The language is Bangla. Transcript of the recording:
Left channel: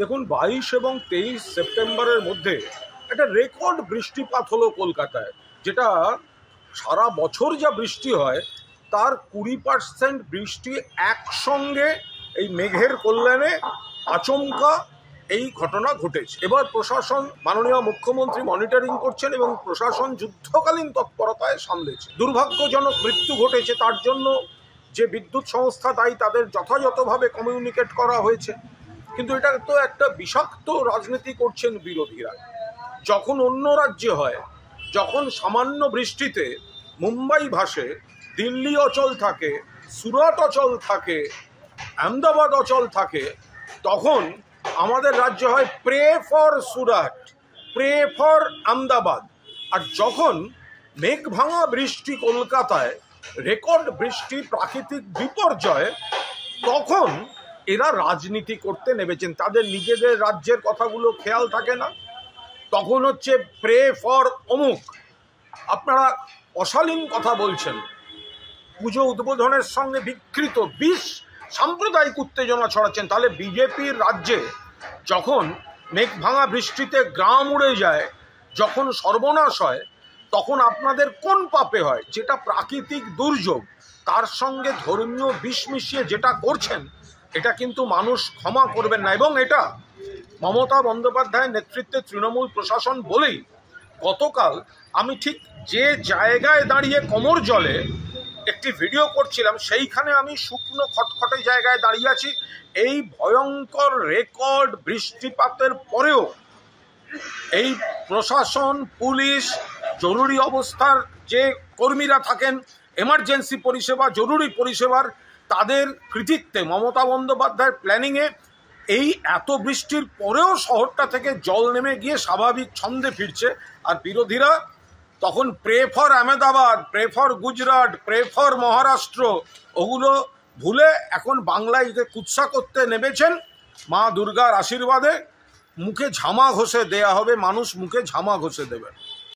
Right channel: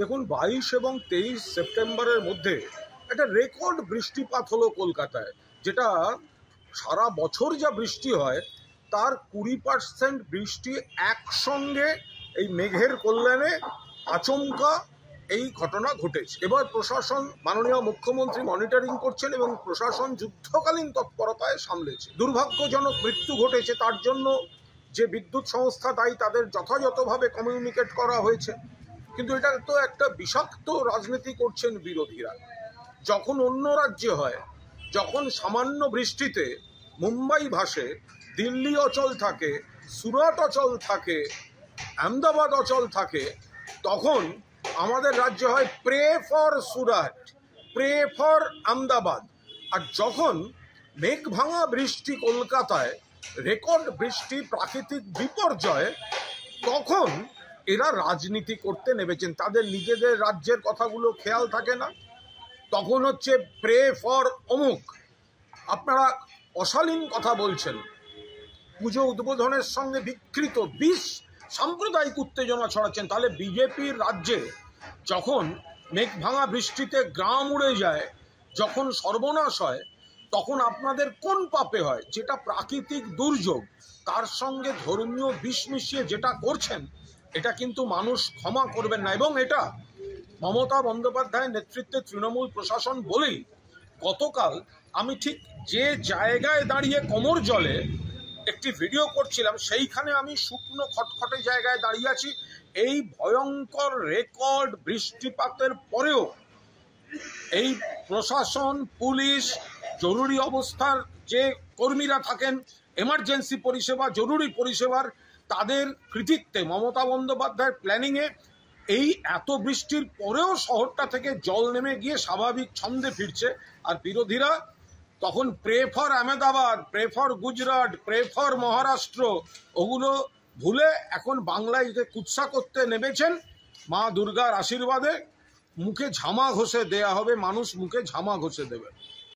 দেখুন 22 এবং 23 সেপ্টেম্বরের মধ্যে একটা রেকর্ড বৃষ্টিপাত হলো কলকাতায়, যেটা সারা বছর যা বৃষ্টি হয় তার 20% বৃষ্টি একসঙ্গে এই মেঘের কল্যাণে আচমকা এই ঘটনা ঘটেছে। এবার প্রশাসন, মাননীয় মুখ্যমন্ত্রী মনিটরিং করছেন এবং প্রশাসন যুদ্ধকালীন তৎপরতায় সামলেছে। দুর্ভাগ্যজনক মৃত্যু ঘটেছে, তার জন্য যে বিদ্যুৎ সংস্থা দায়ী তাদের যথাযথভাবে কমিউনিকেট করা হয়েছে, কিন্তু এটা তো একটা বিষাক্ত রাজনীতি করছেন বিরোধীরা। যখন অন্য রাজ্যে হয়, যখন সামান্য বৃষ্টিতে মুম্বাই ভাসে, দিল্লি অচল থাকে, সুরাট অচল থাকে, আহমেদাবাদ অচল থাকে, তখন আমাদের রাজ্য হয় pray for Surat, pray for Ahmedabad. আর যখন মেঘ ভাঙা বৃষ্টি কলকাতায়, রেকর্ড বৃষ্টি, প্রাকৃতিক বিপর্যয়, তখন এরা রাজনীতি করতে নেমেছেন। তাদের নিজেদের রাজ্যের কথাগুলো খেয়াল থাকে না, তখন হচ্ছে প্রে ফর অমুক। আপনারা অশালীন কথা বলছেন, পুজো উদ্বোধনের সঙ্গে বিকৃত বিষ সাম্প্রদায়িক উত্তেজনা ছড়াচ্ছেন। তাহলে বিজেপির রাজ্যে যখন মেঘ ভাঙা বৃষ্টিতে গ্রাম উড়ে যায়, যখন সর্বনাশ হয়, তখন আপনাদের কোন পাপে হয়? যেটা প্রাকৃতিক দুর্যোগ, তার সঙ্গে ধর্মীয় বিষ মিশিয়ে যেটা করছেন, এটা কিন্তু মানুষ ক্ষমা করবেন না। এবং এটা মমতা বন্দ্যোপাধ্যায়ের নেতৃত্বে তৃণমূল প্রশাসন বলেই গতকাল আমি ঠিক যে জায়গায় দাঁড়িয়ে কোমর জলে একটি ভিডিও করছিলাম, সেইখানে আমি শুকনো খটখটে জায়গায় দাঁড়িয়ে আছি। এই ভয়ঙ্কর রেকর্ড বৃষ্টিপাতের পরেও এই প্রশাসন, পুলিশ, জরুরি অবস্থার যে কর্মীরা থাকেন, এমার্জেন্সি পরিষেবা, জরুরি পরিষেবার, তাদের কৃতিত্বে, মমতা বন্দ্যোপাধ্যায়ের প্ল্যানিংয়ে এই এত বৃষ্টির পরেও শহরটা থেকে জল নেমে গিয়ে স্বাভাবিক ছন্দে ফিরছে। আর বিরোধীরা তখন pray for Ahmedabad, pray for Gujarat, pray for Maharashtra, ওগুলো ভুলে এখন বাংলায় কুৎসা করতে নেমেছেন। মা দুর্গার আশীর্বাদে মুখে ঝামা ঘষে দেয়া হবে, মানুষ মুখে ঝামা ঘষে দেবে।